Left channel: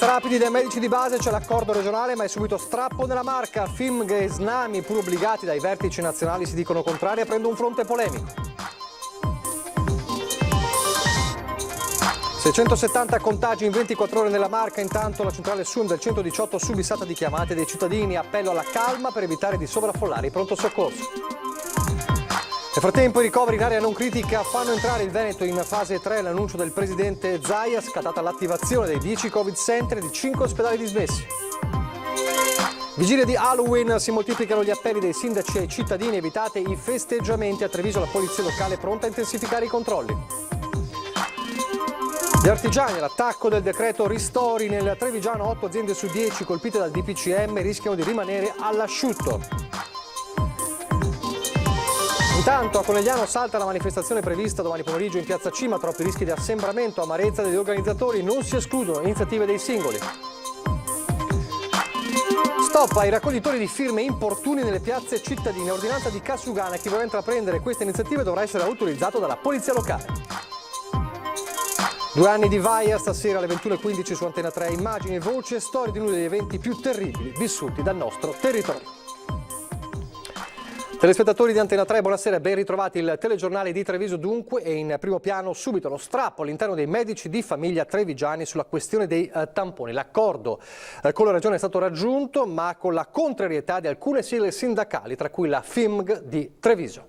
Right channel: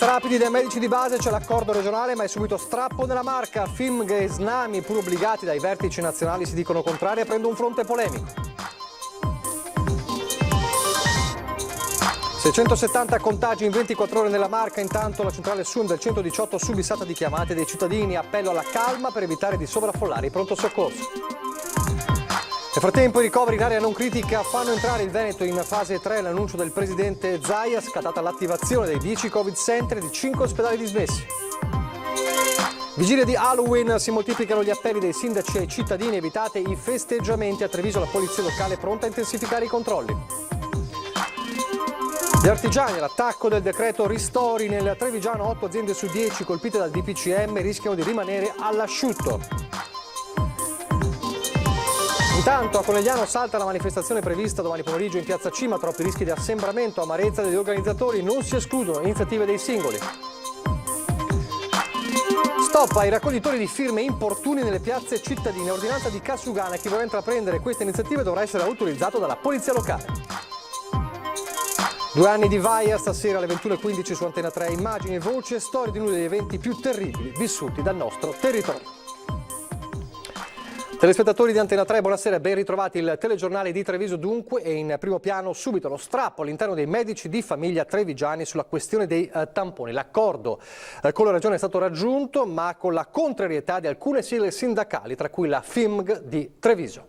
Test rapidi dai medici di base, c'è l'accordo regionale ma è subito strappo nella Marca. FIMG e Snami, pur obbligati dai vertici nazionali, si dicono contrari aprendo un fronte polemico. 670 contagi in 24 ore nella Marca, intanto la centrale SUM del 118 subissata di chiamate dei cittadini, appello alla calma per evitare di sovraffollare i pronto soccorso. Nel frattempo i ricoveri in area non critica fanno entrare il Veneto in fase 3, l'annuncio del presidente Zaia, scattata l'attivazione dei 10 Covid Center e di 5 ospedali dismessi. Vigilia di Halloween, si moltiplicano gli appelli dei sindaci ai cittadini, evitate i festeggiamenti. A Treviso la polizia locale è pronta a intensificare i controlli. Gli artigiani, l'attacco del decreto ristori, nel Trevigiano 8 aziende su 10 colpite dal DPCM rischiano di rimanere all'asciutto. Intanto a Conegliano salta la manifestazione prevista domani pomeriggio in piazza Cima, troppi rischi di assembramento, amarezza degli organizzatori, non si escludono iniziative dei singoli. Stop ai raccoglitori di firme importuni nelle piazze cittadine, ordinanza di Cassugana, chi vuole intraprendere queste iniziative dovrà essere autorizzato dalla polizia locale. 2 anni di Vaia, stasera alle 21:15 su Antena 3, immagini, voci e storie di uno degli eventi più terribili vissuti dal nostro territorio. Telespettatori di Antena 3, buonasera, ben ritrovati. Il telegiornale di Treviso dunque, e in primo piano subito lo strappo all'interno dei medici di famiglia trevigiani sulla questione dei tamponi. L'accordo con la regione è stato raggiunto ma con la contrarietà di alcune sigle sindacali, tra cui la FIMG di Treviso.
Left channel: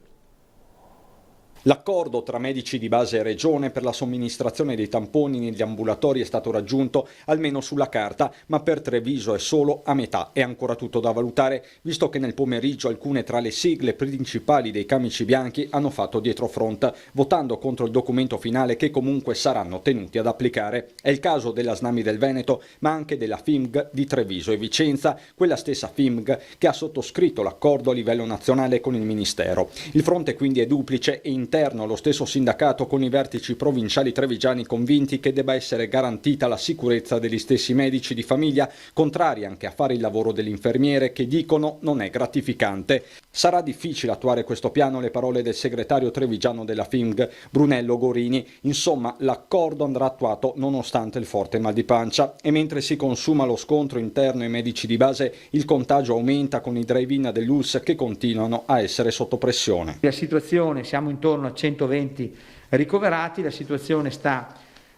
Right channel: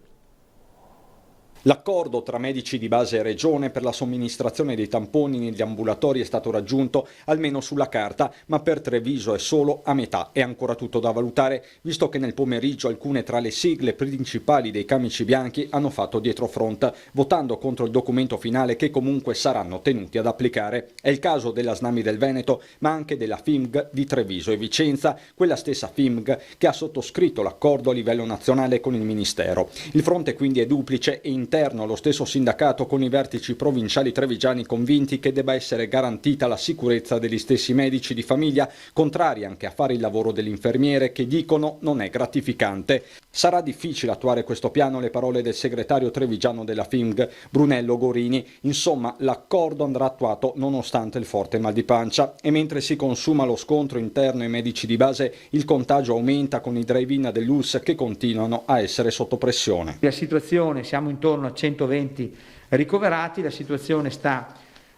L'accordo tra medici di base e regione per la somministrazione dei tamponi negli ambulatori è stato raggiunto almeno sulla carta, ma per Treviso è solo a metà. È ancora tutto da valutare, visto che nel pomeriggio alcune tra le sigle principali dei camici bianchi hanno fatto dietrofront, votando contro il documento finale che comunque saranno tenuti ad applicare. È il caso della Snami del Veneto, ma anche della FIMG di Treviso e Vicenza, quella stessa FIMG che ha sottoscritto l'accordo a livello nazionale con il Ministero. Il fronte quindi è duplice e interno allo stesso sindacato, con i vertici provinciali trevigiani convinti che debba essere garantita la sicurezza degli stessi medici di famiglia, contrari anche a fare il lavoro dell'infermiere che dicono non è gratificante. Sarà difficile attuare questo piano, le parole del segretario trevigiano della FIMG, Brunello Gorini. Insomma, l'accordo andrà attuato nonostante il forte mal di pancia, e mentre si consuma lo scontro interno ai medici di base, il contagio aumenta con i drive-in dell'ULSS che continuano a essere sotto pressione. La situazione, siamo intorno a 120 ricoverati, la situazione sta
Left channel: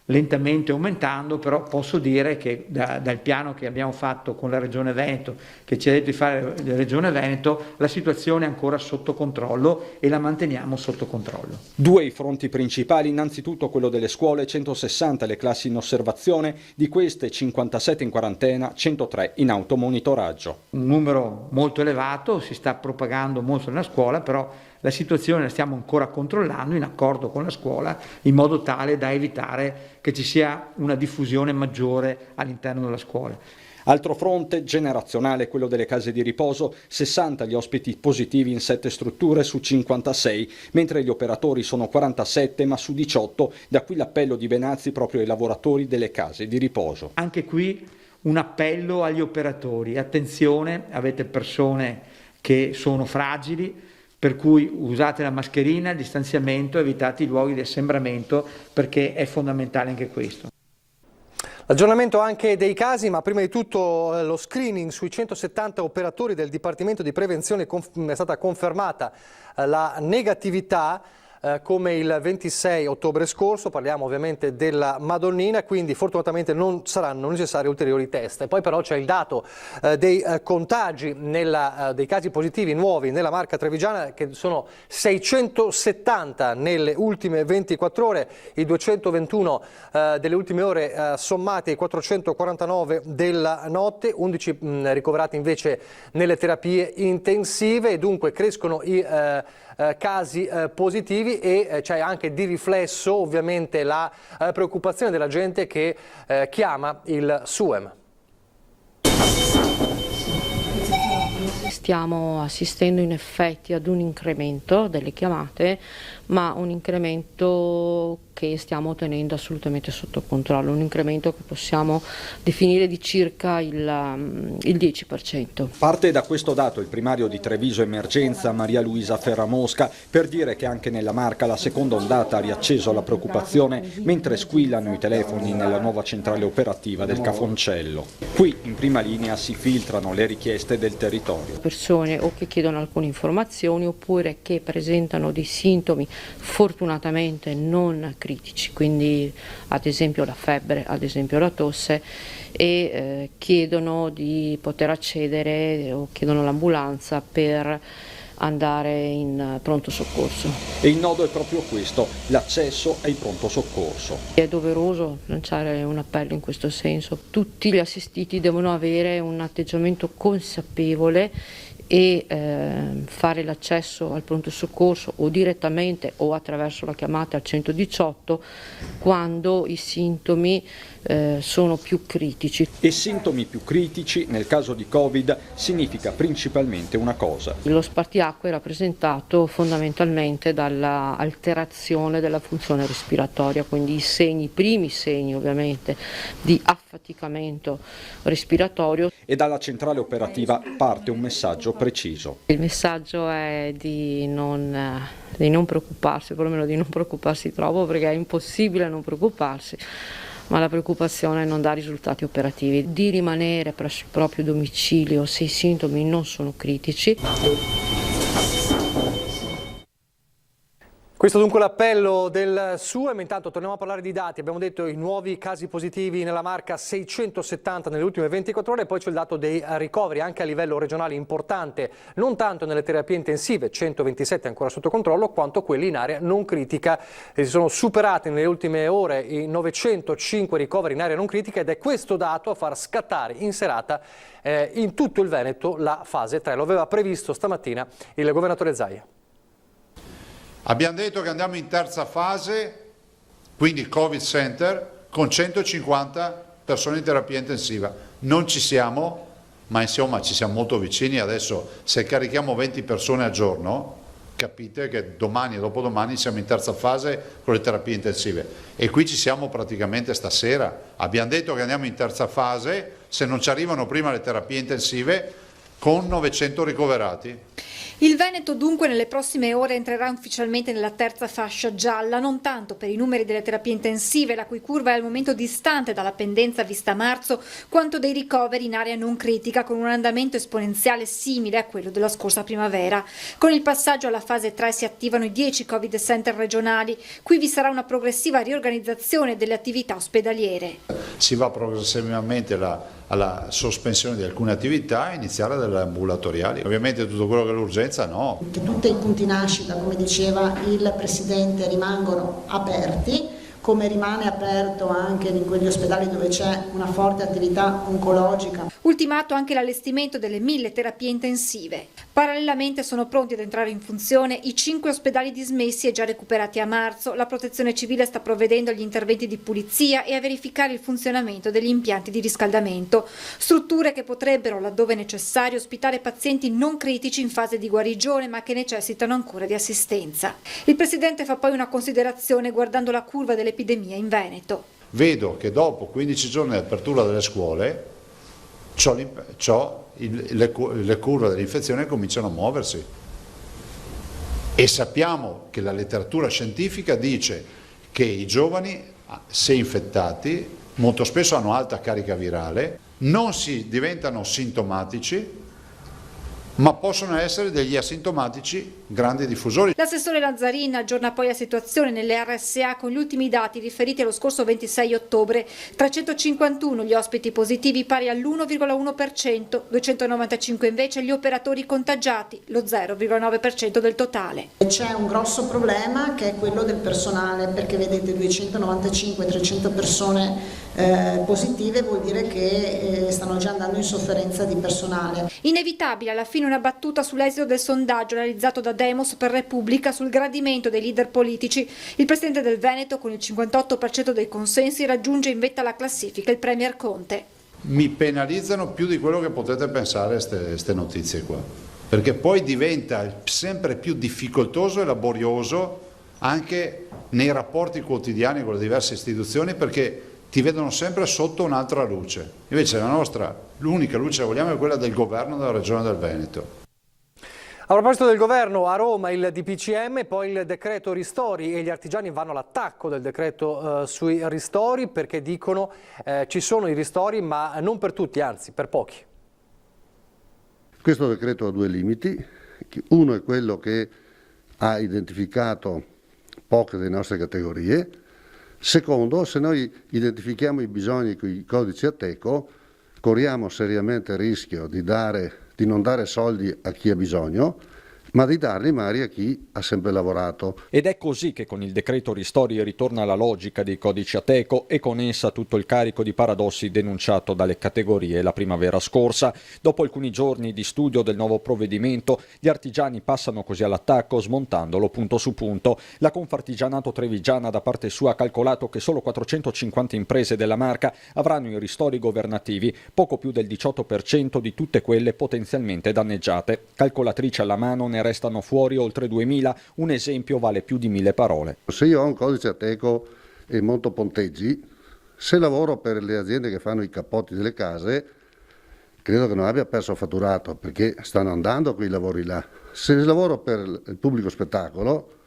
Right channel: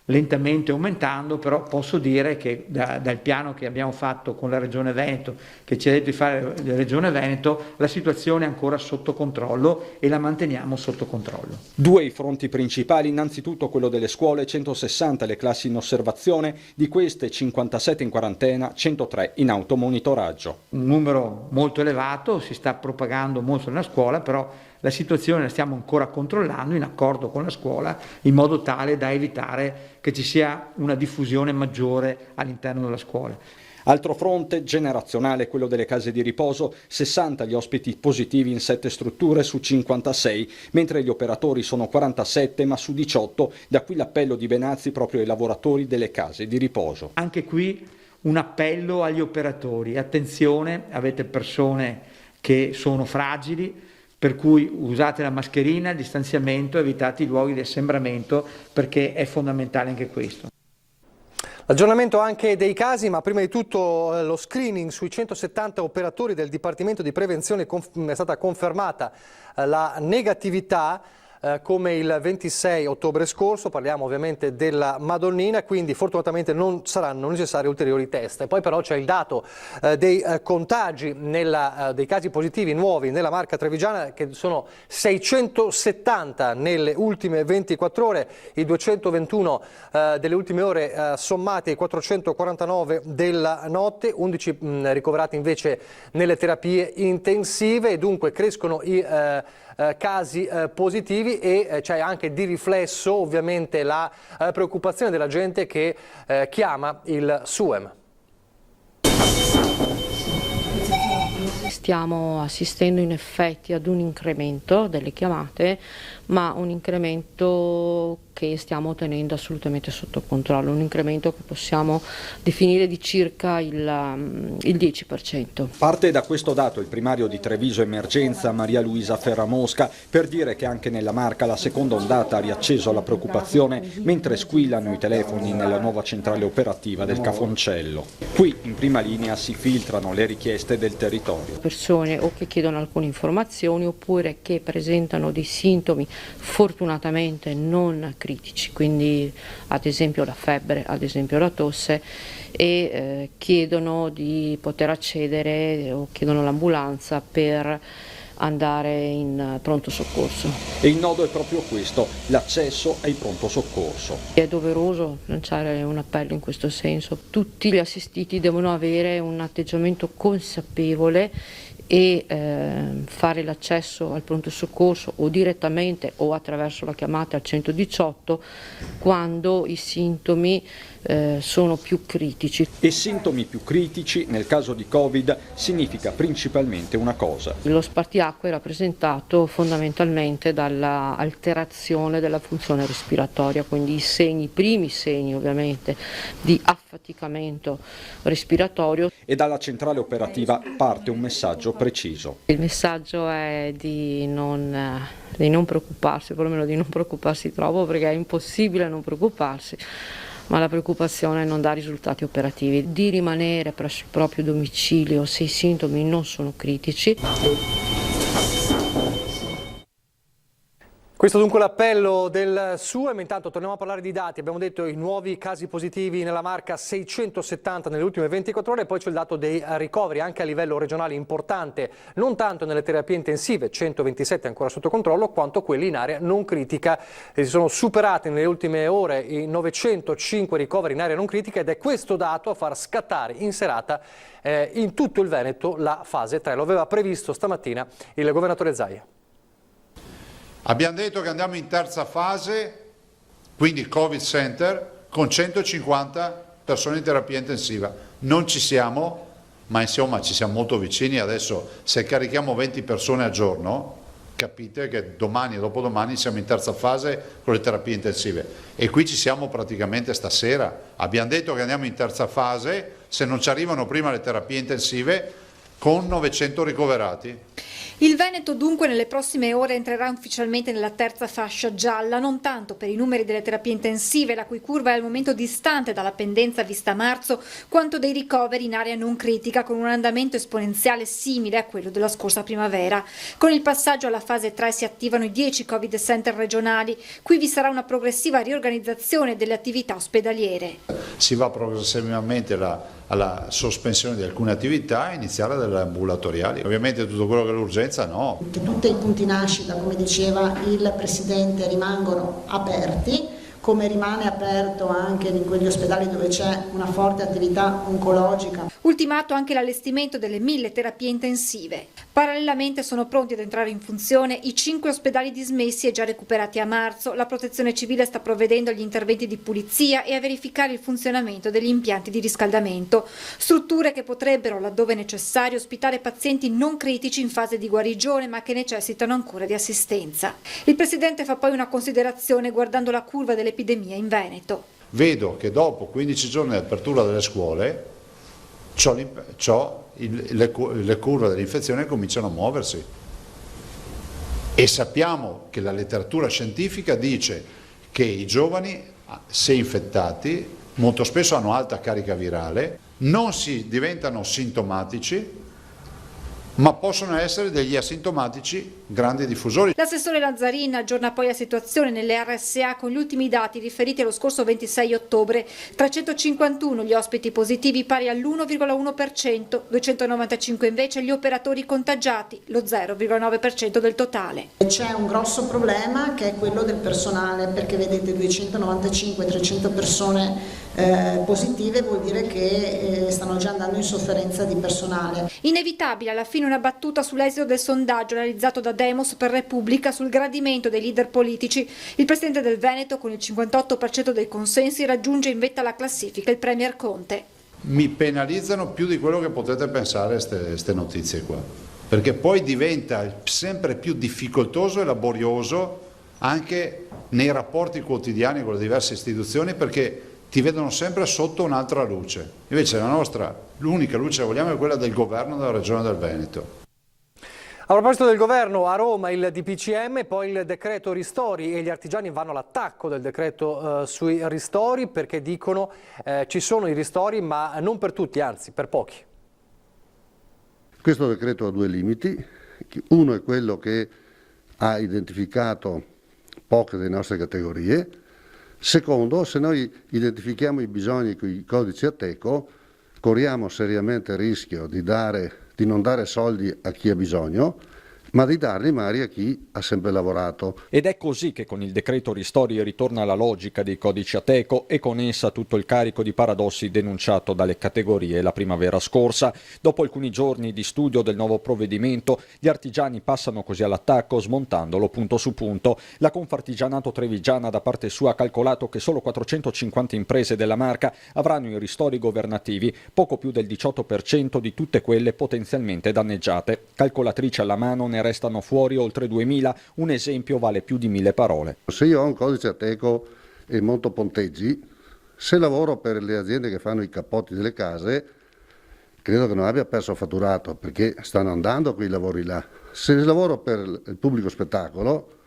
lentamente aumentando, però posso dire che dal piano che abbiamo fatto con la Regione Veneto, che ci ha detto di fare la Regione Veneto, la situazione è ancora sotto controllo e la manteniamo sotto controllo. 2 i fronti principali, innanzitutto quello delle scuole, 160 le classi in osservazione, di queste 57 in quarantena, 103 in automonitoraggio. Un numero molto elevato, si sta propagando molto nella scuola, però la situazione la stiamo ancora controllando in accordo con la scuola, in modo tale da evitare che ci sia una diffusione maggiore all'interno della scuola. Altro fronte generazionale, quello delle case di riposo, 60 gli ospiti positivi in 7 strutture su 56, mentre gli operatori sono 47 ma su 18, da qui l'appello di Benazzi proprio ai lavoratori delle case di riposo. Anche qui un appello agli operatori, attenzione, avete persone che sono fragili, per cui usate la mascherina, il distanziamento, evitate i luoghi di assembramento, perché è fondamentale anche questo. Aggiornamento anche dei casi, ma prima di tutto lo screening sui 170 operatori del Dipartimento di Prevenzione. È stata confermata la negatività come il 26 ottobre scorso, parliamo ovviamente della Madonnina, quindi fortunatamente non saranno necessari ulteriori test. E poi però c'è il dato dei contagi, dei casi positivi nuovi nella Marca trevigiana, che sono 670 nelle ultime 24 ore, i 221 delle ultime ore sommati ai 449 della notte, 11 ricoverati invece nelle terapie intensive, e dunque crescono i casi positivi, e c'è anche di riflesso ovviamente la preoccupazione della gente che chiama il SUEM. Stiamo assistendo in effetti ad un incremento delle chiamate, ma un incremento che che stiamo tenendo assolutamente sotto controllo, un incremento che possiamo definire di circa il 10%. Parte da questo dato il primario di Treviso Emergenza, Maria Luisa Ferramosca, per dire che anche nella Marca la seconda ondata ha riacceso la preoccupazione mentre squillano i telefoni nella nuova centrale operativa del Cafoncello. Qui in prima linea si filtrano le richieste del territorio. Persone o che chiedono alcune informazioni oppure che presentano dei sintomi fortunatamente non critici, quindi ad esempio la febbre, ad esempio la tosse, e chiedono di poter accedere o chiedono l'ambulanza per andare in pronto soccorso. E il nodo è proprio questo, l'accesso ai pronto soccorso. È doveroso lanciare un appello in questo senso. Tutti gli assistiti devono avere un atteggiamento consapevole e fare l'accesso al pronto soccorso o direttamente o attraverso la chiamata al 118 quando i sintomi sono più critici. E sintomi più critici nel caso di Covid significa principalmente una cosa. Lo spartiacque è rappresentato fondamentalmente dalla alterazione della funzione respiratoria, quindi i primi segni ovviamente di affaticamento respiratorio. E dalla centrale operativa parte un messaggio preciso. Il messaggio è di non preoccuparsi, perlomeno di non preoccuparsi troppo, perché è impossibile non preoccuparsi, ma la preoccupazione non dà risultati operativi, di rimanere presso il proprio domicilio se i sintomi non sono critici. Questo dunque l'appello del SUEM. Intanto torniamo a parlare di dati. Abbiamo detto i nuovi casi positivi nella Marca 670 nelle ultime 24 ore, e poi c'è il dato dei ricoveri anche a livello regionale importante, non tanto nelle terapie intensive, 127 ancora sotto controllo, quanto quelli in area non critica. Si sono superati nelle ultime ore i 905 ricoveri in area non critica, ed è questo dato a far scattare in serata in tutto il Veneto la fase 3. Lo aveva previsto stamattina il governatore Zaia. Abbiamo detto che andiamo in terza fase, quindi il Covid Center, con 150 persone in terapia intensiva. Non ci siamo, ma insomma ci siamo molto vicini. Adesso se carichiamo 20 persone al giorno, capite che domani e dopodomani siamo in terza fase con le terapie intensive. E qui ci siamo praticamente stasera. Abbiamo detto che andiamo in terza fase, se non ci arrivano prima le terapie intensive, con 900 ricoverati. Il Veneto dunque nelle prossime ore entrerà ufficialmente nella terza fascia gialla, non tanto per i numeri delle terapie intensive, la cui curva è al momento distante dalla pendenza vista a marzo, quanto dei ricoveri in area non critica, con un andamento esponenziale simile a quello della scorsa primavera. Con il passaggio alla fase 3 si attivano i 10 Covid Center regionali. Qui vi sarà una progressiva riorganizzazione delle attività ospedaliere. Si va progressivamente alla sospensione di alcune attività e iniziare delle ambulatoriali. Ovviamente tutto quello che è l'urgenza no. Tutti i punti nascita, come diceva il Presidente, rimangono aperti, come rimane aperto anche in quegli ospedali dove c'è una forte attività oncologica. Ultimato anche l'allestimento delle 1000 terapie intensive. Parallelamente sono pronti ad entrare in funzione i 5 ospedali dismessi e già recuperati a marzo. La Protezione Civile sta provvedendo agli interventi di pulizia e a verificare il funzionamento degli impianti di riscaldamento. Strutture che potrebbero, laddove necessario, ospitare pazienti non critici in fase di guarigione ma che necessitano ancora di assistenza. Il Presidente fa poi una considerazione guardando la curva dell'epidemia in Veneto. Vedo che dopo 15 giorni di apertura delle scuole le curve dell'infezione cominciano a muoversi e sappiamo che la letteratura scientifica dice che i giovani, se infettati, molto spesso hanno alta carica virale, non si diventano sintomatici, ma possono essere degli asintomatici grandi diffusori. L'assessore Lazzarin aggiorna poi la situazione nelle RSA con gli ultimi dati riferiti allo scorso 26 ottobre. 351 gli ospiti positivi, pari all'1,1%, 295 invece gli operatori contagiati, lo 0,9% del totale. C'è un grosso problema che è quello del personale, perché vedete 295-300 persone positive vuol dire che stanno già andando in sofferenza di personale. Inevitabile alla fine una battuta sull'esito del sondaggio realizzato da Demos per Repubblica sul gradimento dei leader politici. Il presidente del Veneto, con il 58% dei consensi, raggiunge in vetta alla classifica il premier Conte. Mi penalizzano più di quello che potete pensare queste notizie qua, perché poi diventa sempre più difficoltoso e laborioso anche nei rapporti quotidiani con le diverse istituzioni, perché ti vedono sempre sotto un'altra luce. Invece l'unica luce che vogliamo è quella del governo della Regione del Veneto. A proposito del governo, a Roma il DPCM, poi il decreto ristori, e gli artigiani vanno all'attacco del decreto sui ristori, perché dicono ci sono i ristori ma non per tutti, anzi per pochi. Questo decreto ha due limiti. Uno è quello che ha identificato poche delle nostre categorie. Secondo, se noi identifichiamo i bisogni con i codici Ateco, corriamo seriamente il rischio di non dare soldi a chi ha bisogno, ma di darli magari a chi ha sempre lavorato. Ed è così che con il decreto ristori ritorna la logica dei codici Ateco e con essa tutto il carico di paradossi denunciato dalle categorie la primavera scorsa. Dopo alcuni giorni di studio del nuovo provvedimento, gli artigiani passano così all'attacco smontandolo punto su punto. La Confartigianato Trevigiana da parte sua ha calcolato che solo 450 imprese della Marca avranno i ristori governativi, poco più del 18% di tutte quelle potenzialmente danneggiate. Calcolatrice alla mano, ne restano fuori oltre 2000, un esempio vale più di 1000 parole. Se io ho un codice Ateco e monto ponteggi, se lavoro per le aziende che fanno i cappotti delle case, credo che non abbia perso fatturato, perché stanno andando quei lavori là. Se lavoro per il pubblico spettacolo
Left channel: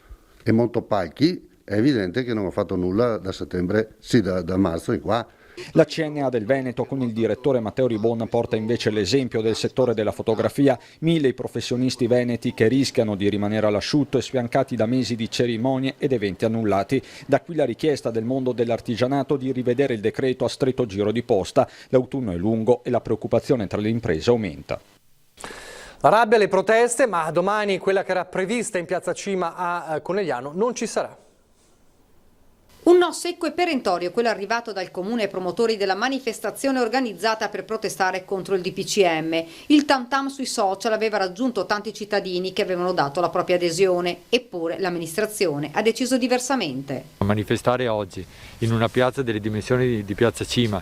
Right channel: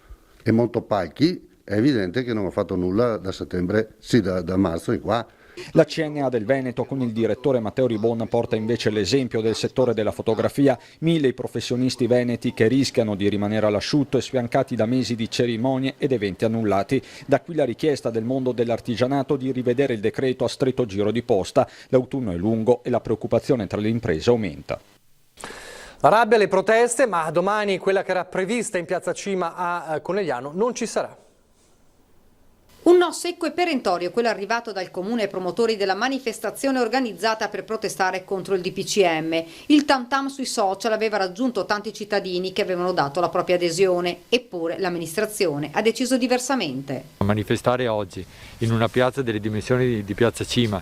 e monto palchi, è evidente che non ho fatto nulla da settembre, sì, da marzo in qua. La CNA del Veneto con il direttore Matteo Ribon porta invece l'esempio del settore della fotografia, 1000 i professionisti veneti che rischiano di rimanere all'asciutto e sfiancati da mesi di cerimonie ed eventi annullati. Da qui la richiesta del mondo dell'artigianato di rivedere il decreto a stretto giro di posta. L'autunno è lungo e la preoccupazione tra le imprese aumenta. La rabbia, le proteste, ma domani quella che era prevista in Piazza Cima a Conegliano non ci sarà. Un no secco e perentorio, quello arrivato dal comune promotori della manifestazione organizzata per protestare contro il DPCM. Il tam tam sui social aveva raggiunto tanti cittadini che avevano dato la propria adesione, eppure l'amministrazione ha deciso diversamente. Manifestare oggi in una piazza delle dimensioni di Piazza Cima,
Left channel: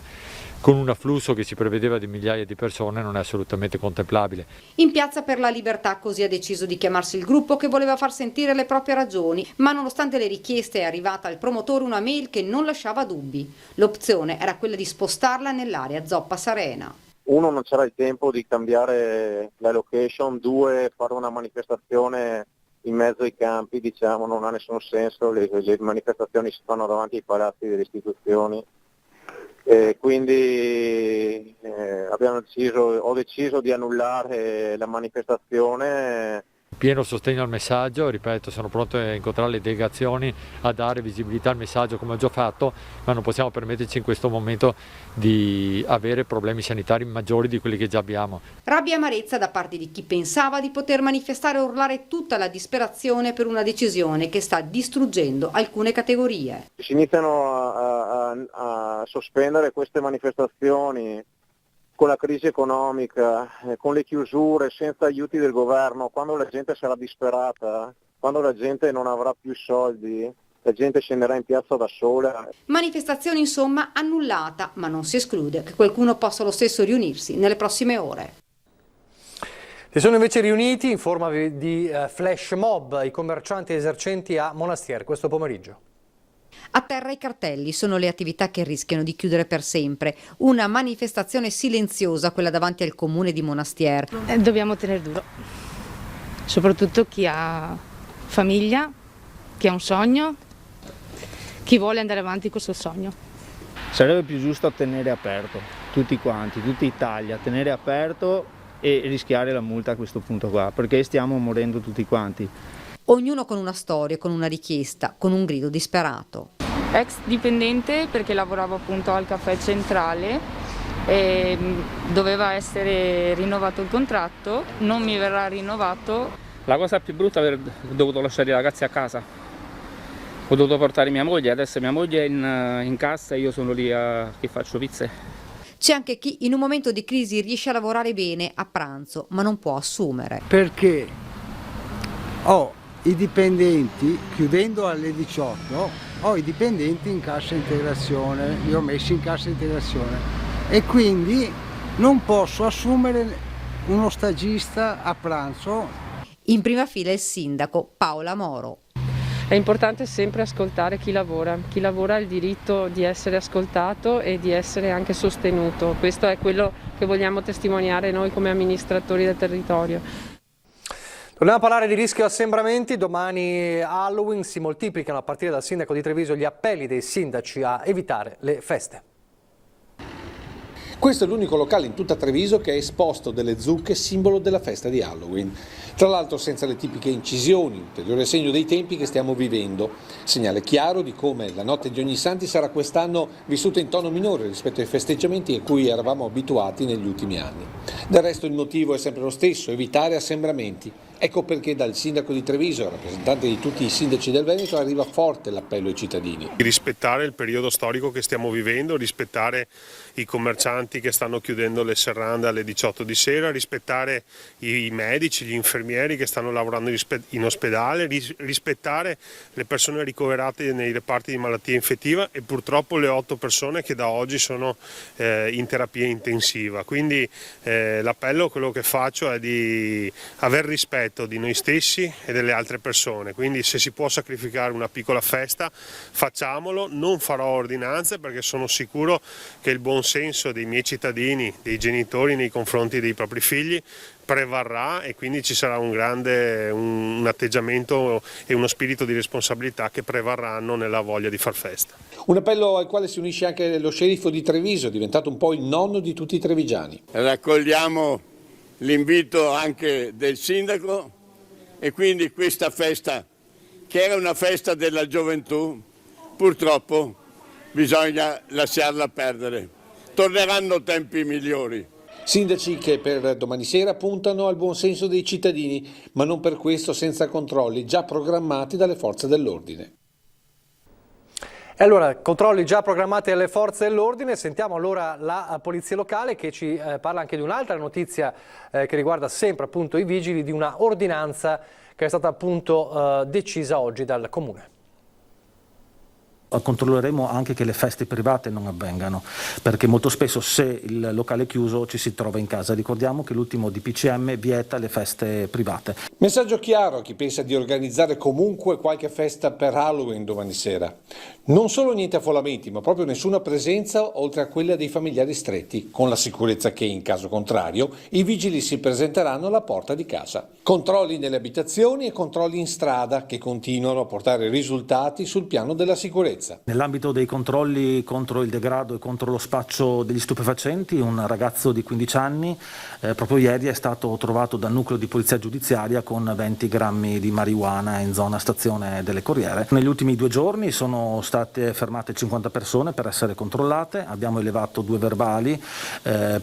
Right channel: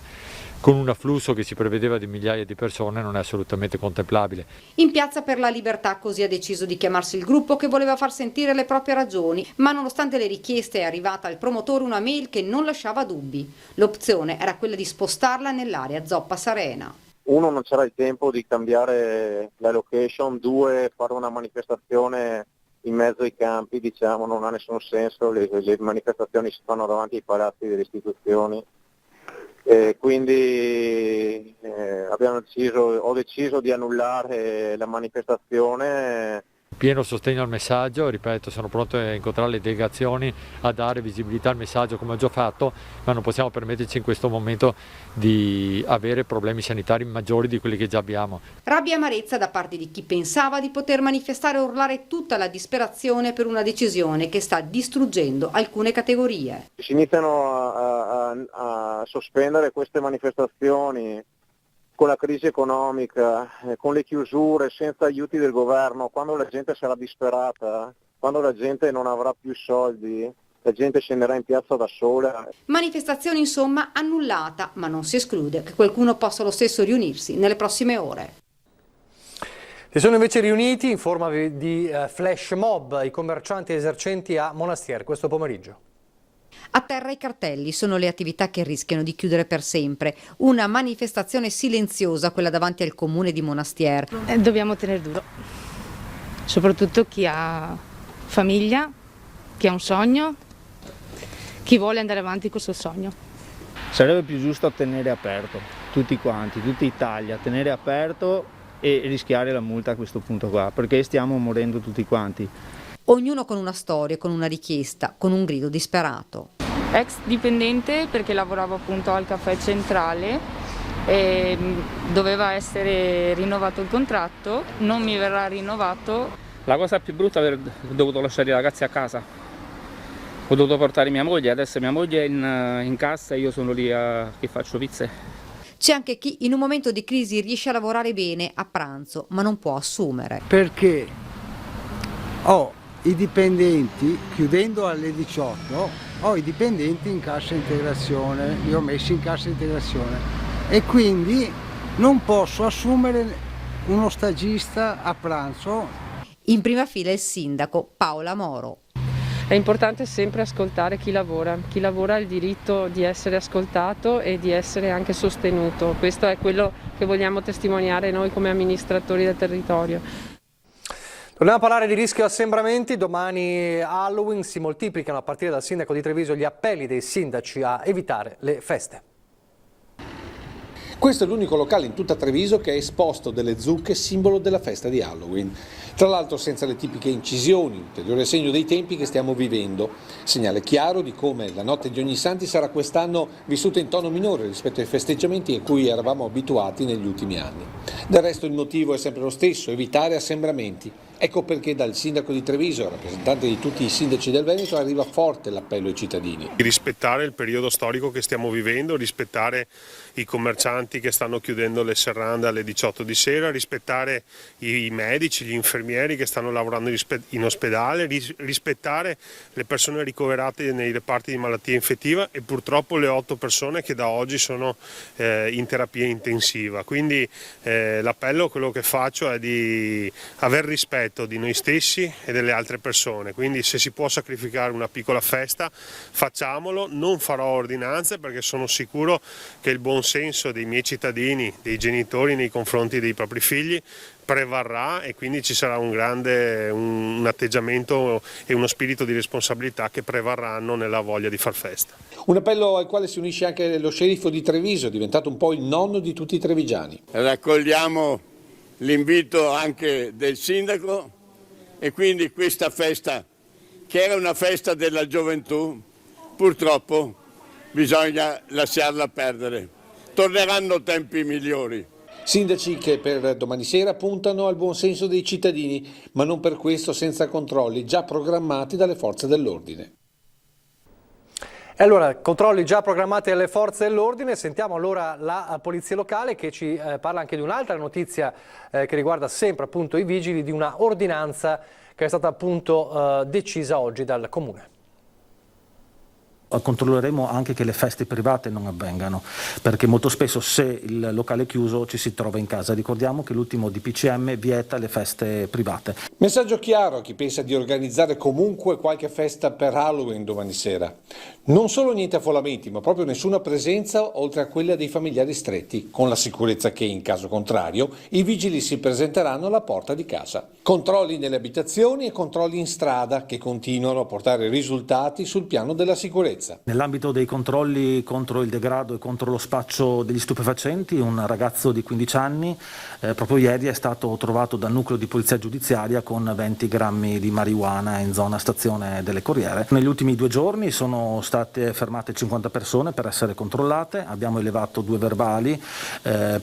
con un afflusso che si prevedeva di migliaia di persone, non è assolutamente contemplabile. In Piazza per la Libertà così ha deciso di chiamarsi il gruppo che voleva far sentire le proprie ragioni, ma nonostante le richieste è arrivata al promotore una mail che non lasciava dubbi. L'opzione era quella di spostarla nell'area Zoppa Sarena. Uno, non c'era il tempo di cambiare la location, due, fare una manifestazione in mezzo ai campi, diciamo, non ha nessun senso, le manifestazioni si fanno davanti ai palazzi delle istituzioni. Quindi ho deciso di annullare la manifestazione. Pieno sostegno al messaggio, ripeto, sono pronto a incontrare le delegazioni, a dare visibilità al messaggio come ho già fatto, ma non possiamo permetterci in questo momento di avere problemi sanitari maggiori di quelli che già abbiamo. Rabbia e amarezza da parte di chi pensava di poter manifestare e urlare tutta la disperazione per una decisione che sta distruggendo alcune categorie. Si iniziano a sospendere queste manifestazioni con la crisi economica, con le chiusure, senza aiuti del governo, quando la gente sarà disperata, quando la gente non avrà più soldi, la gente scenderà in piazza da sola. Manifestazione insomma annullata, ma non si esclude che qualcuno possa lo stesso riunirsi nelle prossime ore. Si sono invece riuniti in forma di flash mob i commercianti e esercenti a Monastier questo pomeriggio. A terra i cartelli, sono le attività che rischiano di chiudere per sempre. Una manifestazione silenziosa, quella davanti al comune di Monastier. Dobbiamo tenere duro, soprattutto chi ha famiglia, chi ha un sogno, chi vuole andare avanti con il suo sogno. Sarebbe più giusto tenere aperto, tutti quanti, tutta Italia, tenere aperto e rischiare la multa a questo punto qua, perché stiamo morendo tutti quanti. Ognuno con una storia, con una richiesta, con un grido disperato. Ex dipendente perché lavoravo appunto al caffè centrale e doveva essere rinnovato il contratto, non mi verrà rinnovato. La cosa più brutta è aver dovuto lasciare i ragazzi a casa. Ho dovuto portare mia moglie, adesso mia moglie è in cassa e io sono lì che faccio pizze. C'è anche chi in un momento di crisi riesce a lavorare bene a pranzo, ma non può assumere. Perché i dipendenti, chiudendo alle 18, ho i dipendenti in cassa integrazione, li ho messi in cassa integrazione e quindi non posso assumere uno stagista a pranzo. In prima fila il sindaco Paola Moro. È importante sempre ascoltare chi lavora ha il diritto di essere ascoltato e di essere anche sostenuto. Questo è quello che vogliamo testimoniare noi come amministratori del territorio. Torniamo a parlare di rischio assembramenti. Domani Halloween, si moltiplicano a partire dal sindaco di Treviso gli appelli dei sindaci a evitare le feste. Questo è l'unico locale in tutta Treviso che è esposto delle zucche, simbolo della festa di Halloween. Tra l'altro senza le tipiche incisioni, ulteriore segno dei tempi che stiamo vivendo. Segnale chiaro di come la notte di Ognissanti sarà quest'anno vissuta in tono minore rispetto ai festeggiamenti a cui eravamo abituati negli ultimi anni. Del resto il motivo è sempre lo stesso, evitare assembramenti. Ecco perché dal sindaco di Treviso, rappresentante di tutti i sindaci del Veneto, arriva forte l'appello ai cittadini. Rispettare il periodo storico che stiamo vivendo, rispettare i commercianti che stanno chiudendo le serrande alle 18 di sera, rispettare i medici, gli infermieri che stanno lavorando in ospedale, rispettare le persone ricoverate nei reparti di malattia infettiva e purtroppo le 8 persone che da oggi sono in terapia intensiva. Quindi l'appello, quello che faccio è di aver rispetto di noi stessi e delle altre persone, quindi se si può sacrificare una piccola festa facciamolo. Non farò ordinanze perché sono sicuro che il buon senso dei miei cittadini, dei genitori nei confronti dei propri figli prevarrà e quindi ci sarà un atteggiamento e uno spirito di responsabilità che prevarranno nella voglia di far festa. Un appello al quale si unisce anche lo sceriffo di Treviso, diventato un po' il nonno di tutti i trevigiani. Raccogliamo l'invito anche del sindaco e quindi questa festa, che era una festa della gioventù, purtroppo bisogna lasciarla perdere. Torneranno tempi migliori. Sindaci che per domani sera puntano al buon senso dei cittadini, ma non per questo senza controlli già programmati dalle forze dell'ordine. E allora, controlli già programmati dalle forze dell'ordine. Sentiamo allora la polizia locale che ci parla anche di un'altra notizia che riguarda sempre appunto i vigili, di una ordinanza che è stata appunto decisa oggi dal Comune. Controlleremo anche che le feste private non avvengano, perché molto spesso se il locale è chiuso ci si trova in casa. Ricordiamo che l'ultimo DPCM vieta le feste private. Messaggio chiaro a chi pensa di organizzare comunque qualche festa per Halloween domani sera. Non solo niente affollamenti, ma proprio nessuna presenza oltre a quella dei familiari stretti, con la sicurezza che in caso contrario i vigili si presenteranno alla porta di casa. Controlli nelle abitazioni e controlli in strada che continuano a portare risultati sul piano della sicurezza. Nell'ambito dei controlli contro il degrado e contro lo spaccio degli stupefacenti, un ragazzo di 15 anni proprio ieri è stato trovato dal nucleo di polizia giudiziaria con 20 grammi di marijuana in zona stazione delle Corriere. Negli ultimi 2 giorni sono state fermate 50 persone per essere controllate, abbiamo elevato 2 verbali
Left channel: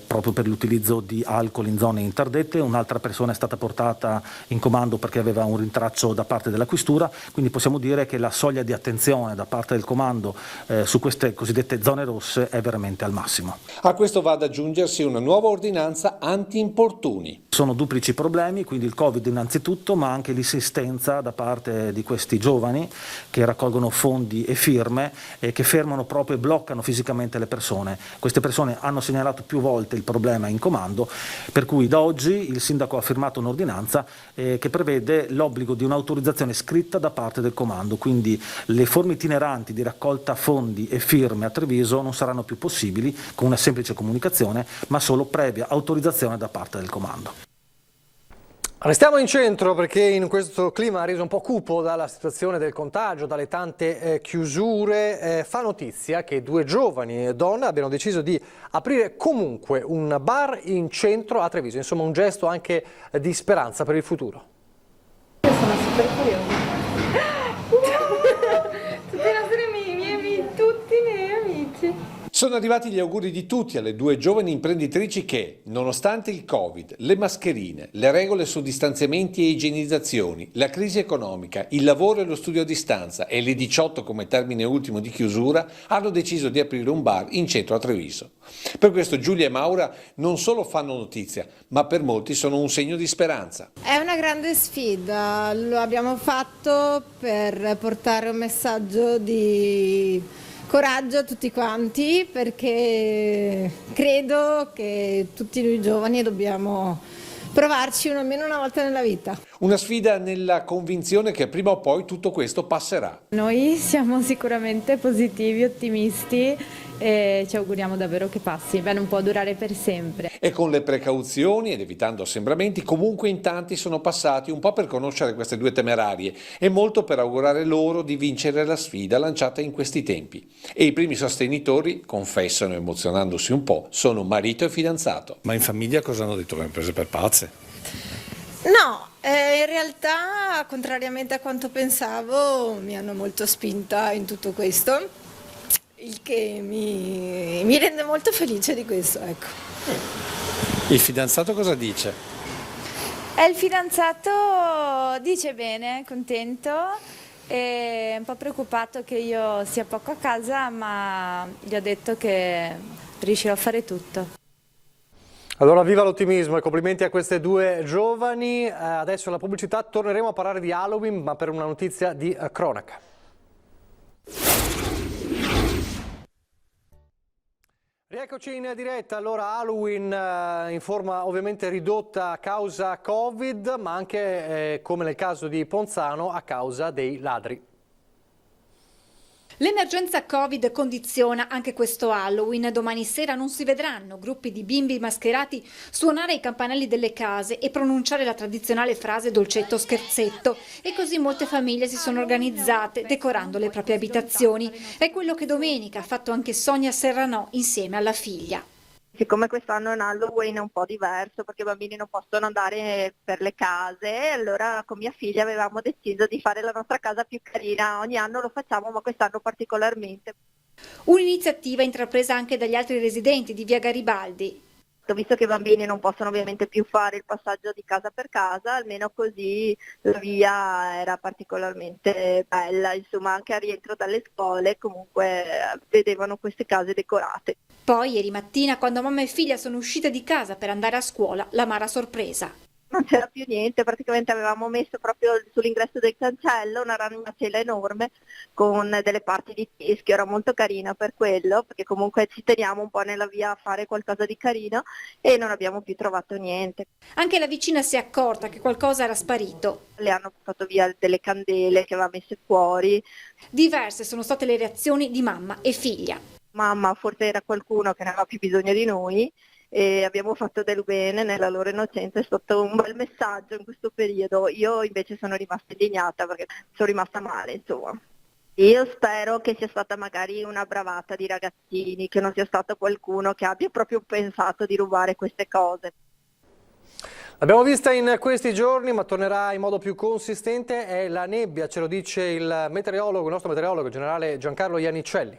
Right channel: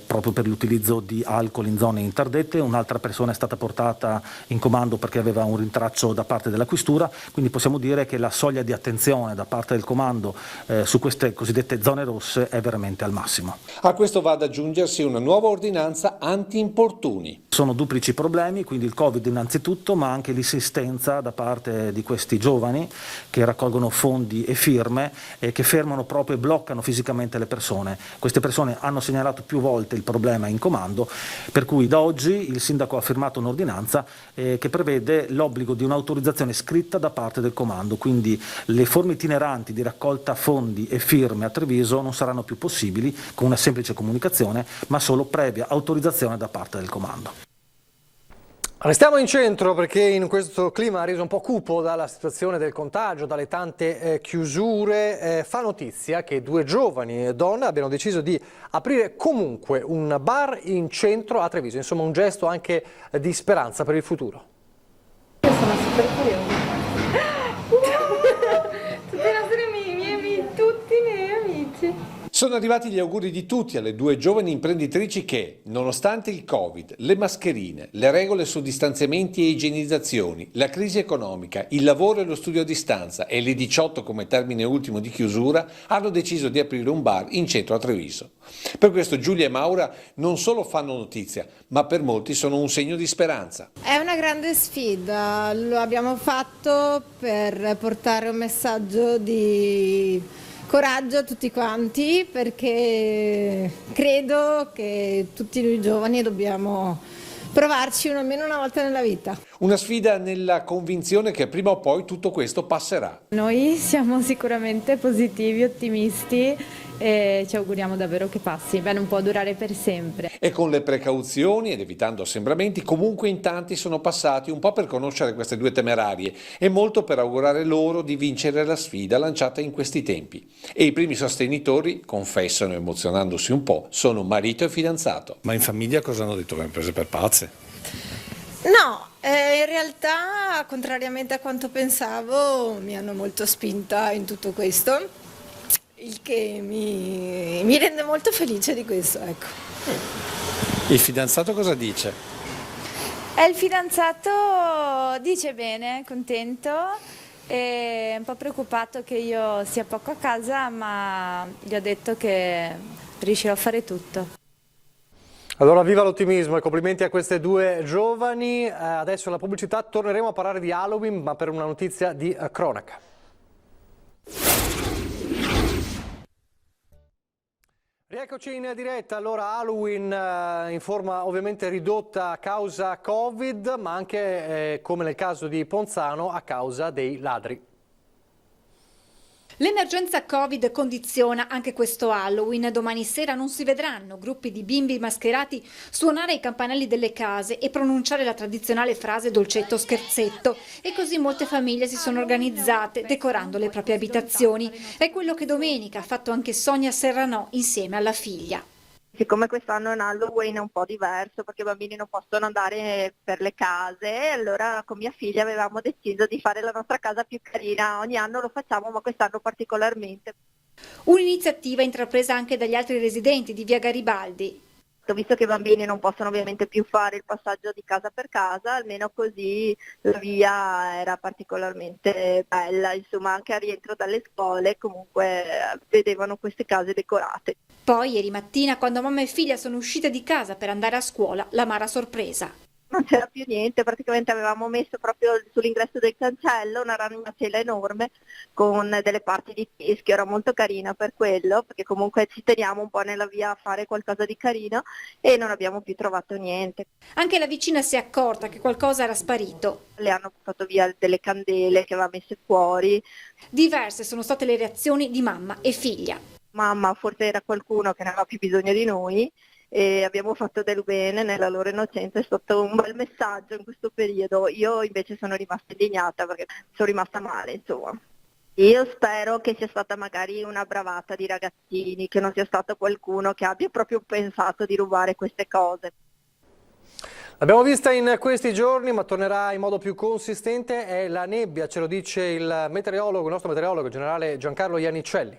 proprio per l'utilizzo di alcol in zone interdette, un'altra persona è stata portata in comando perché aveva un rintraccio da parte della questura, quindi possiamo dire che la soglia di attenzione da parte del comando su queste cosiddette zone rosse è veramente al massimo. A questo va ad aggiungersi una nuova ordinanza anti-importuni. Sono duplici problemi, quindi il Covid innanzitutto, ma anche l'insistenza da parte di questi giovani che raccolgono fondi e firme e che fermano proprio e bloccano fisicamente le persone. Queste persone hanno segnalato più volte il problema in comando, per cui da oggi il sindaco ha firmato un'ordinanza che prevede l'obbligo di un'autorizzazione scritta da parte del comando, quindi le forme itineranti di raccolta fondi e firme a Treviso non saranno più possibili con una semplice comunicazione, ma solo previa autorizzazione da parte del comando. Restiamo in centro perché in questo clima reso un po' cupo dalla situazione del contagio, dalle tante chiusure, fa notizia che 2 giovani donne abbiano deciso di aprire comunque un bar in centro a Treviso, insomma un gesto anche di speranza per il futuro. Sono super curiosa. Tutti i miei amici. Sono arrivati gli auguri di tutti alle 2 giovani imprenditrici che, nonostante il Covid, le mascherine, le regole su distanziamenti e igienizzazioni, la crisi economica, il lavoro e lo studio a distanza e le 18 come termine ultimo di chiusura, hanno deciso di aprire un bar in centro a Treviso. Per questo Giulia e Maura non solo fanno notizia, ma per molti sono un segno di speranza. È una grande sfida, lo abbiamo fatto per portare un messaggio di coraggio a tutti quanti, perché credo che tutti noi giovani dobbiamo provarci almeno una volta nella vita. Una sfida nella convinzione che prima o poi tutto questo passerà. Noi siamo sicuramente positivi, ottimisti e ci auguriamo davvero che passi. Beh, non può durare per sempre. E con le precauzioni ed evitando assembramenti, comunque in tanti sono passati un po' per conoscere queste due temerarie e molto per augurare loro di vincere la sfida lanciata in questi tempi. E i primi sostenitori, confessano emozionandosi un po', sono marito e fidanzato. Ma in famiglia cosa hanno detto? Mi hanno prese per pazze? No, in realtà, contrariamente a quanto pensavo, mi hanno molto spinta in tutto questo, il che mi rende molto felice di questo, ecco. Il fidanzato cosa dice? Il fidanzato dice bene, contento, è un po' preoccupato che io sia poco a casa, ma gli ho detto che riuscirò a fare tutto. Allora viva l'ottimismo e complimenti a queste due giovani. Adesso la pubblicità, torneremo a parlare di Halloween, ma per una notizia di cronaca. Rieccoci in diretta. Allora Halloween in forma ovviamente ridotta a causa Covid, ma anche come nel caso di Ponzano a causa dei ladri. L'emergenza Covid condiziona anche questo Halloween. Domani sera non si vedranno gruppi di bimbi mascherati suonare i campanelli delle case e pronunciare la tradizionale frase dolcetto scherzetto. E così molte famiglie si sono organizzate decorando le proprie abitazioni. È quello che domenica ha fatto anche Sonia Serranò insieme alla figlia. Siccome quest'anno è un Halloween un po' diverso perché i bambini non possono andare per le case, allora con mia figlia avevamo deciso di fare la nostra casa più carina. Ogni anno lo facciamo, ma quest'anno particolarmente. Un'iniziativa intrapresa anche dagli altri residenti di via Garibaldi. Visto che i bambini non possono ovviamente più fare il passaggio di casa per casa, almeno così la via era particolarmente bella, insomma anche a rientro dalle scuole comunque vedevano queste case decorate. Poi ieri mattina, quando mamma e figlia sono uscite di casa per andare a scuola, l'amara sorpresa. Non c'era più niente, praticamente avevamo messo proprio sull'ingresso del cancello una ragnatela enorme con delle parti di teschio, era molto carina per quello, perché comunque ci teniamo un po' nella via a fare qualcosa di carino e non abbiamo più trovato niente. Anche la vicina si è accorta che qualcosa era sparito. Le hanno portato via delle candele che aveva messe fuori. Diverse sono state le reazioni di mamma e figlia. Mamma, forse era qualcuno che ne aveva più bisogno di noi, e abbiamo fatto del bene nella loro innocenza, è stato un bel messaggio in questo periodo. Io invece sono rimasta indignata perché sono rimasta male, insomma. Io spero che sia stata magari una bravata di ragazzini, che non sia stato qualcuno che abbia proprio pensato di rubare queste cose. L'abbiamo vista in questi giorni, ma tornerà in modo più consistente, è la nebbia, ce lo dice il meteorologo, il nostro meteorologo generale Giancarlo Iannicelli.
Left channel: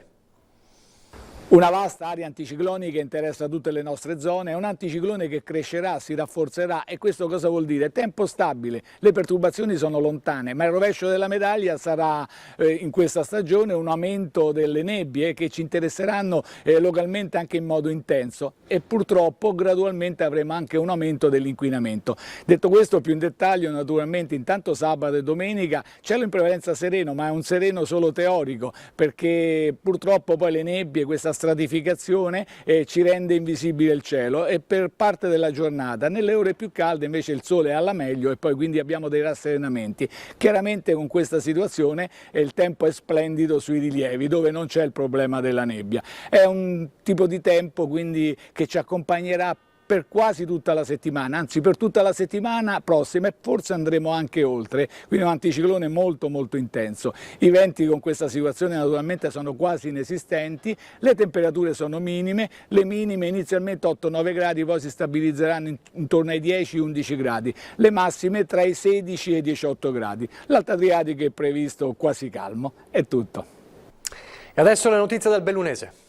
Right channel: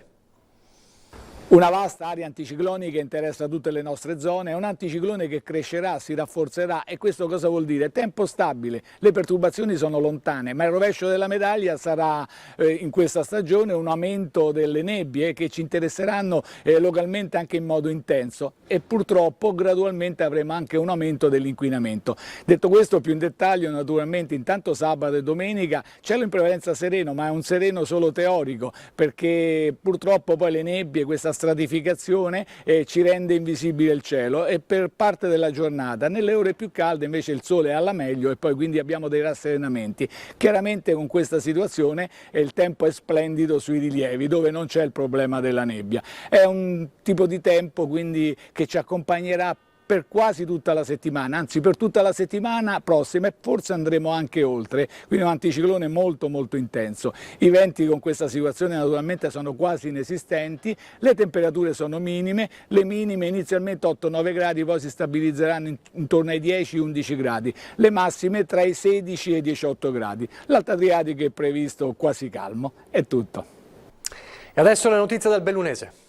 Una vasta area anticiclonica interessa tutte le nostre zone, è un anticiclone che crescerà, si rafforzerà e questo cosa vuol dire? Tempo stabile, le perturbazioni sono lontane, ma il rovescio della medaglia sarà in questa stagione un aumento delle nebbie che ci interesseranno localmente anche in modo intenso e purtroppo gradualmente avremo anche un aumento dell'inquinamento. Detto questo più in dettaglio, naturalmente intanto sabato e domenica cielo in prevalenza sereno, ma è un sereno solo teorico perché purtroppo poi le nebbie, questa stratificazione ci rende invisibile il cielo e per parte della giornata, nelle ore più calde invece il sole è alla meglio e poi quindi abbiamo dei rasserenamenti. Chiaramente con questa situazione il tempo è splendido sui rilievi dove non c'è il problema della nebbia. È un tipo di tempo quindi che ci accompagnerà per quasi tutta la settimana, anzi per tutta la settimana prossima e forse andremo anche oltre, quindi un anticiclone molto molto intenso. I venti con questa situazione naturalmente sono quasi inesistenti, le temperature sono minime, le minime inizialmente 8-9 gradi, poi si stabilizzeranno intorno ai 10-11 gradi, le massime tra i 16 e i 18 gradi. L'Alto Adriatico è previsto quasi calmo, è tutto. E adesso le notizie del Bellunese.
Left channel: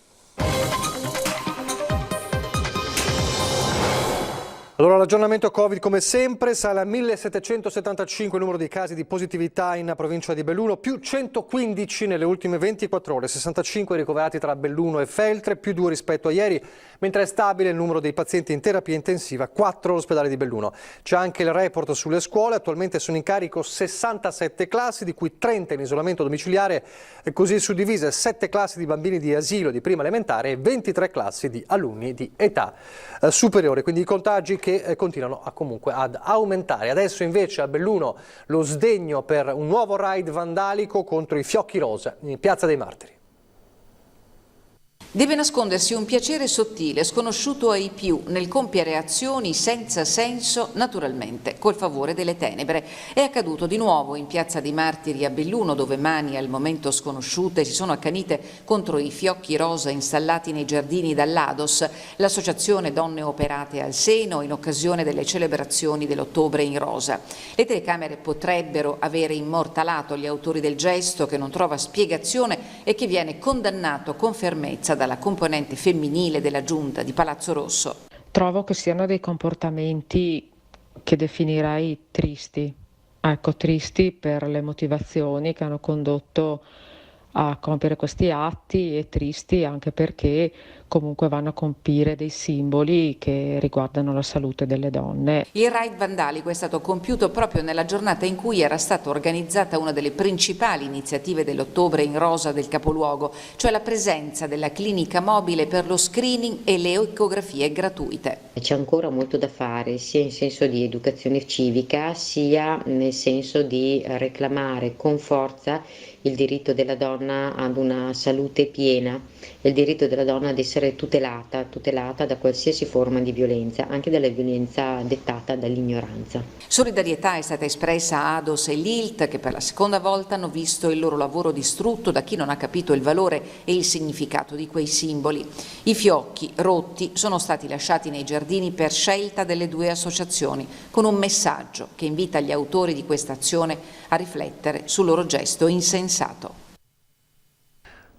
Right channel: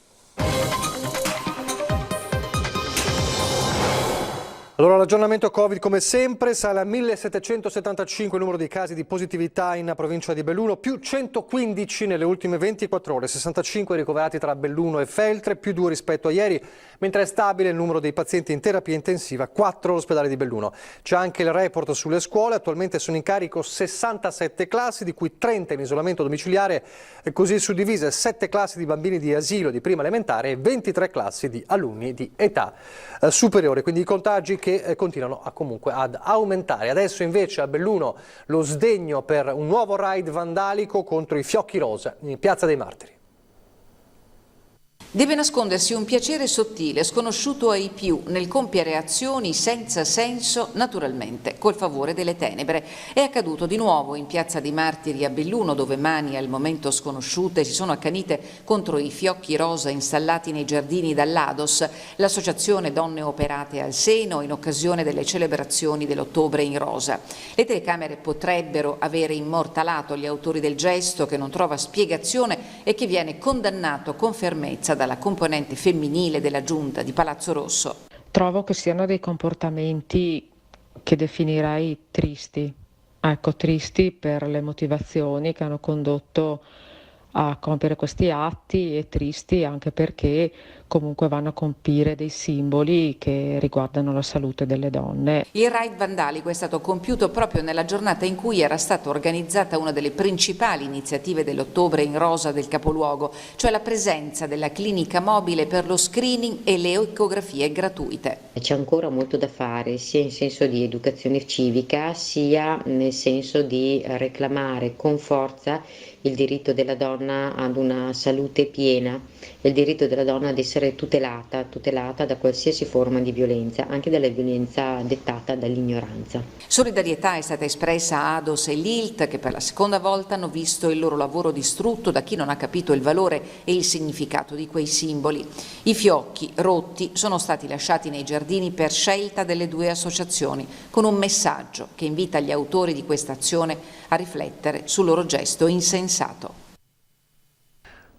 Allora l'aggiornamento Covid come sempre sale a 1775 il numero di casi di positività in provincia di Belluno, più 115 nelle ultime 24 ore, 65 ricoverati tra Belluno e Feltre, più 2 rispetto a ieri, mentre è stabile il numero dei pazienti in terapia intensiva, 4 all'ospedale di Belluno. C'è anche il report sulle scuole, attualmente sono in carico 67 classi, di cui 30 in isolamento domiciliare, e così suddivise 7 classi di bambini di asilo di prima elementare e 23 classi di alunni di età superiore, quindi i contagi che continuano comunque ad aumentare. Adesso invece a Belluno lo sdegno per un nuovo raid vandalico contro i fiocchi rosa in Piazza dei Martiri. Deve nascondersi un piacere sottile, sconosciuto ai più, nel compiere azioni senza senso, naturalmente, col favore delle tenebre. È accaduto di nuovo in Piazza dei Martiri a Belluno, dove mani al momento sconosciute si sono accanite contro i fiocchi rosa installati nei giardini dall'Ados, l'associazione Donne Operate al Seno, in occasione delle celebrazioni dell'Ottobre in Rosa. Le telecamere potrebbero avere immortalato gli autori del gesto, che non trova spiegazione e che viene condannato con fermezza dalla componente femminile della giunta di Palazzo Rosso. Trovo che siano dei comportamenti che definirei tristi. Ecco, tristi per le motivazioni che hanno condotto a compiere questi atti e tristi anche perché comunque vanno a compire dei simboli che riguardano la salute delle donne. Il raid vandalico è stato compiuto proprio nella giornata in cui era stata organizzata una delle principali iniziative dell'Ottobre in Rosa del capoluogo, cioè la presenza della clinica mobile per lo screening e le ecografie gratuite. C'è ancora molto da fare, sia in senso di educazione civica, sia nel senso di reclamare con forza il diritto della donna ad una salute piena, il diritto della donna ad essere tutelata da qualsiasi forma di violenza, anche dalla violenza dettata dall'ignoranza. Solidarietà è stata espressa a Ados e Lilt, che per la seconda volta hanno visto il loro lavoro distrutto da chi non ha capito il valore e il significato di quei simboli. I fiocchi rotti sono stati lasciati nei giardini per scelta delle due associazioni, con un messaggio che invita gli autori di questa azione a riflettere sul loro gesto insensato.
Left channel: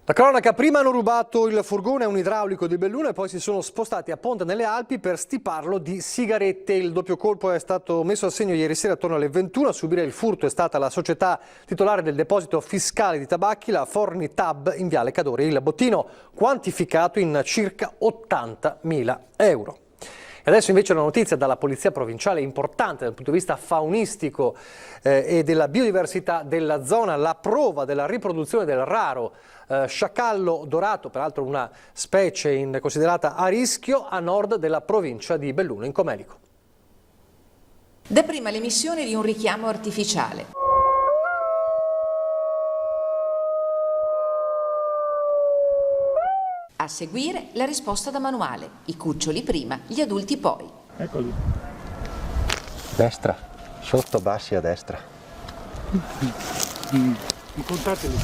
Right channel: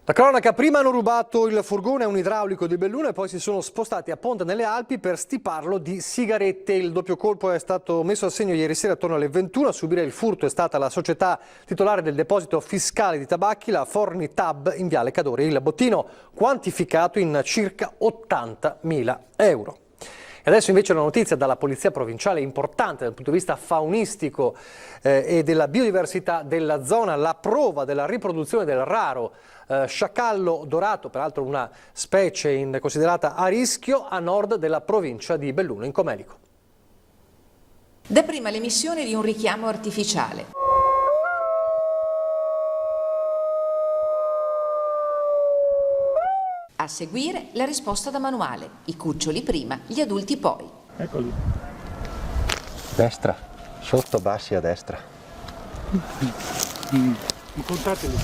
La cronaca: prima hanno rubato il furgone a un idraulico di Belluno e poi si sono spostati a Ponte nelle Alpi per stiparlo di sigarette. Il doppio colpo è stato messo a segno ieri sera attorno alle 21. A subire il furto è stata la società titolare del deposito fiscale di tabacchi, la Fornitab, in Viale Cadore. Il bottino quantificato in circa 80.000 euro. E adesso invece una notizia dalla Polizia Provinciale importante dal punto di vista faunistico e della biodiversità della zona, la prova della riproduzione del raro sciacallo dorato, peraltro una specie considerata a rischio, a nord della provincia di Belluno, in Comelico. Dapprima l'emissione di un richiamo artificiale. A seguire la risposta da manuale, i cuccioli prima, gli adulti poi. Eccoli. Destra, sotto, bassi a destra. Incontateli.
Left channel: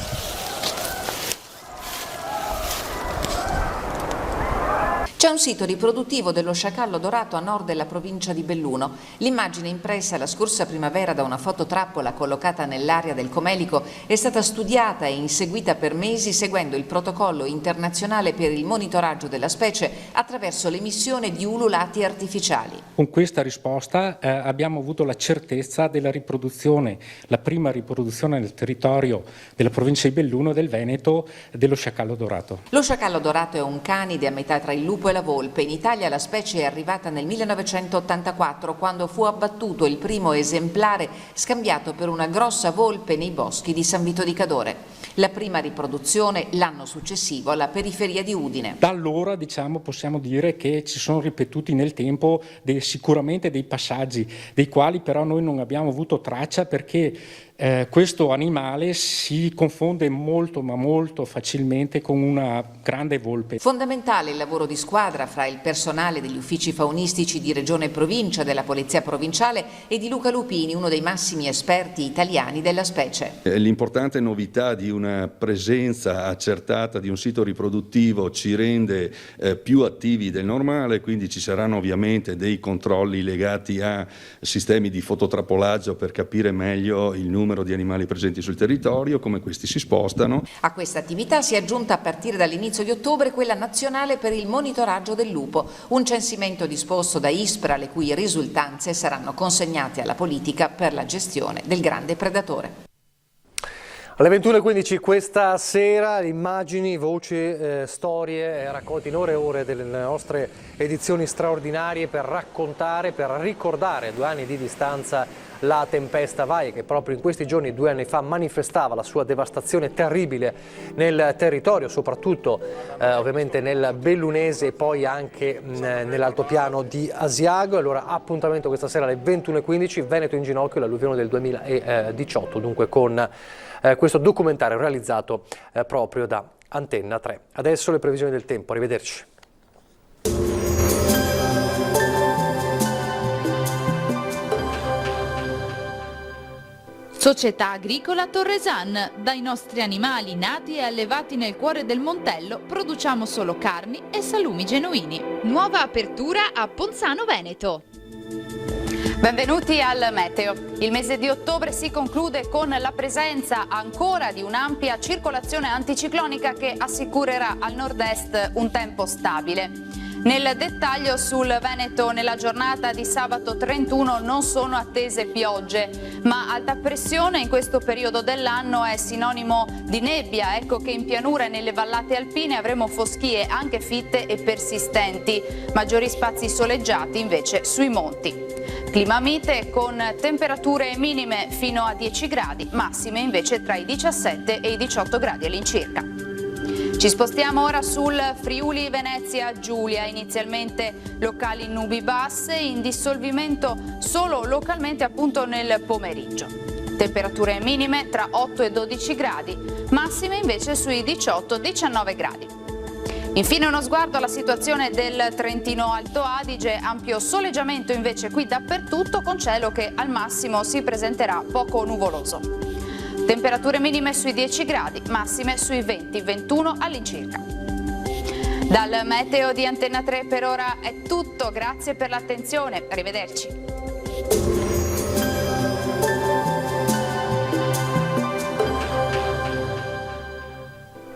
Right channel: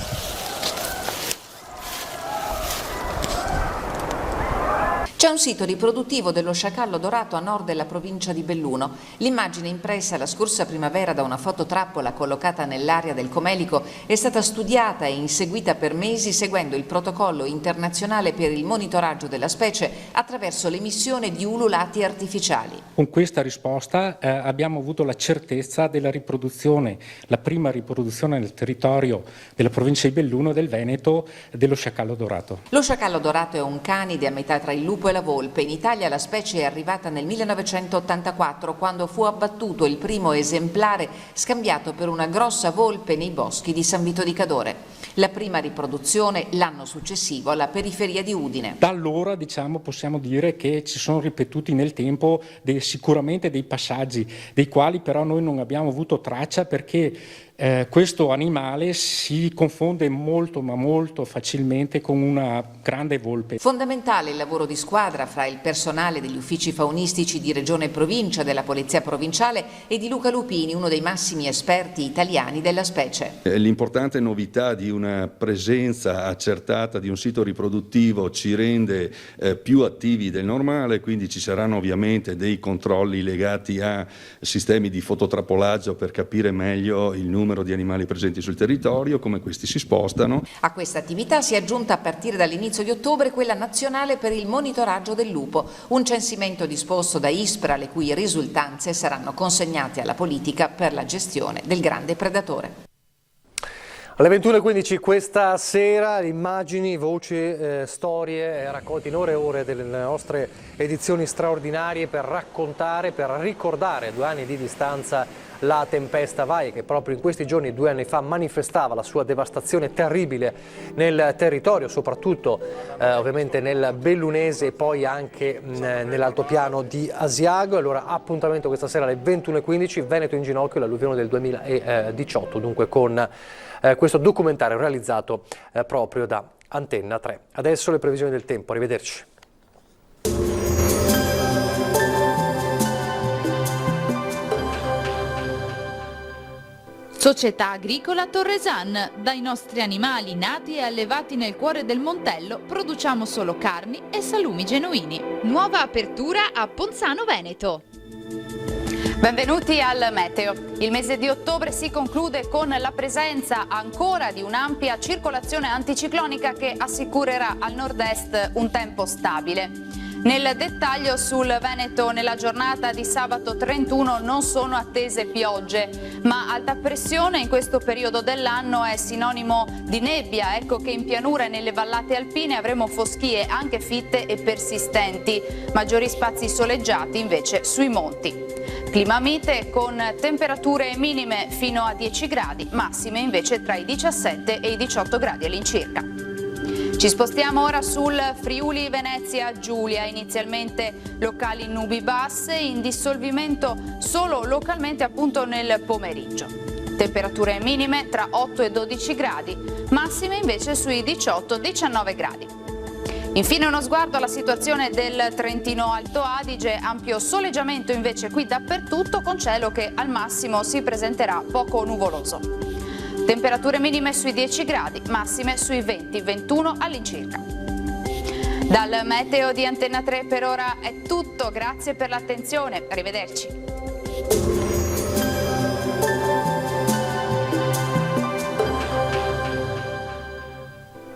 C'è un sito riproduttivo dello sciacallo dorato a nord della provincia di Belluno. L'immagine impressa la scorsa primavera da una fototrappola collocata nell'area del Comelico è stata studiata e inseguita per mesi seguendo il protocollo internazionale per il monitoraggio della specie attraverso l'emissione di ululati artificiali. Con questa risposta abbiamo avuto la certezza della riproduzione, la prima riproduzione nel territorio della provincia di Belluno e del Veneto dello sciacallo dorato. Lo sciacallo dorato è un canide a metà tra il lupo e la volpe. In Italia la specie è arrivata nel 1984, quando fu abbattuto il primo esemplare scambiato per una grossa volpe nei boschi di San Vito di Cadore. La prima riproduzione l'anno successivo alla periferia di Udine. Da allora possiamo dire che ci sono ripetuti nel tempo sicuramente dei passaggi, dei quali però noi non abbiamo avuto traccia perché questo animale si confonde molto ma molto facilmente con una grande volpe. Fondamentale il lavoro di squadra fra il personale degli uffici faunistici di Regione e Provincia, della Polizia Provinciale e di Luca Lupini, uno dei massimi esperti italiani della specie. L'importante novità di una presenza accertata di un sito riproduttivo ci rende più attivi del normale, quindi ci saranno ovviamente dei controlli legati a sistemi di fototrappolaggio per capire meglio il numero di animali presenti sul territorio, come questi si spostano. A questa attività si è aggiunta a partire dall'inizio di ottobre quella nazionale per il monitoraggio del lupo, un censimento disposto da ISPRA, le cui risultanze saranno consegnate alla politica per la gestione del grande predatore. Alle 21:15 questa sera immagini, voci, storie raccolte in ore e ore delle nostre edizioni straordinarie per raccontare, per ricordare a 2 anni di distanza la tempesta Vaia, che proprio in questi giorni 2 anni fa manifestava la sua devastazione terribile nel territorio, soprattutto ovviamente nel Bellunese e poi anche nell'altopiano di Asiago. Allora appuntamento questa sera alle 21:15, Veneto in ginocchio, l'alluvione del 2018, dunque con questo documentario realizzato proprio da Antenna 3. Adesso le previsioni del tempo, arrivederci. Società Agricola Torresan. Dai nostri animali nati e allevati nel cuore del Montello produciamo solo carni e salumi genuini. Nuova apertura a Ponzano Veneto. Benvenuti al Meteo. Il mese di ottobre si conclude con la presenza ancora di un'ampia circolazione anticiclonica che assicurerà al nord-est un tempo stabile. Nel dettaglio sul Veneto nella giornata di sabato 31 non sono attese piogge, ma alta pressione in questo periodo dell'anno è sinonimo di nebbia. Ecco che in pianura e nelle vallate alpine avremo foschie anche fitte e persistenti, maggiori spazi soleggiati invece sui monti. Clima mite con temperature minime fino a 10 gradi, massime invece tra i 17 e i 18 gradi all'incirca. Ci spostiamo ora sul Friuli Venezia Giulia, inizialmente locali nubi basse, in dissolvimento solo localmente appunto nel pomeriggio. Temperature minime tra 8 e 12 gradi, massime invece sui 18-19 gradi. Infine uno sguardo alla situazione del Trentino Alto Adige, ampio soleggiamento invece qui dappertutto con cielo che al massimo si presenterà poco nuvoloso. Temperature minime sui 10 gradi, massime sui 20-21 all'incirca. Dal meteo di Antenna 3 per ora è tutto, grazie per l'attenzione, arrivederci.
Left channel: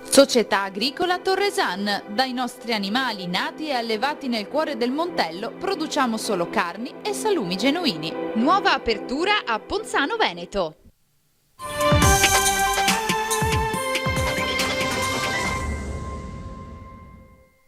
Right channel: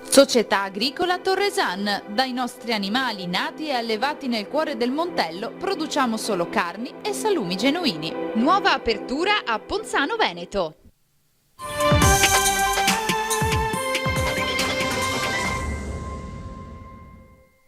Società Agricola Torresan. Dai nostri animali nati e allevati nel cuore del Montello produciamo solo carni e salumi genuini. Nuova apertura a Ponzano Veneto.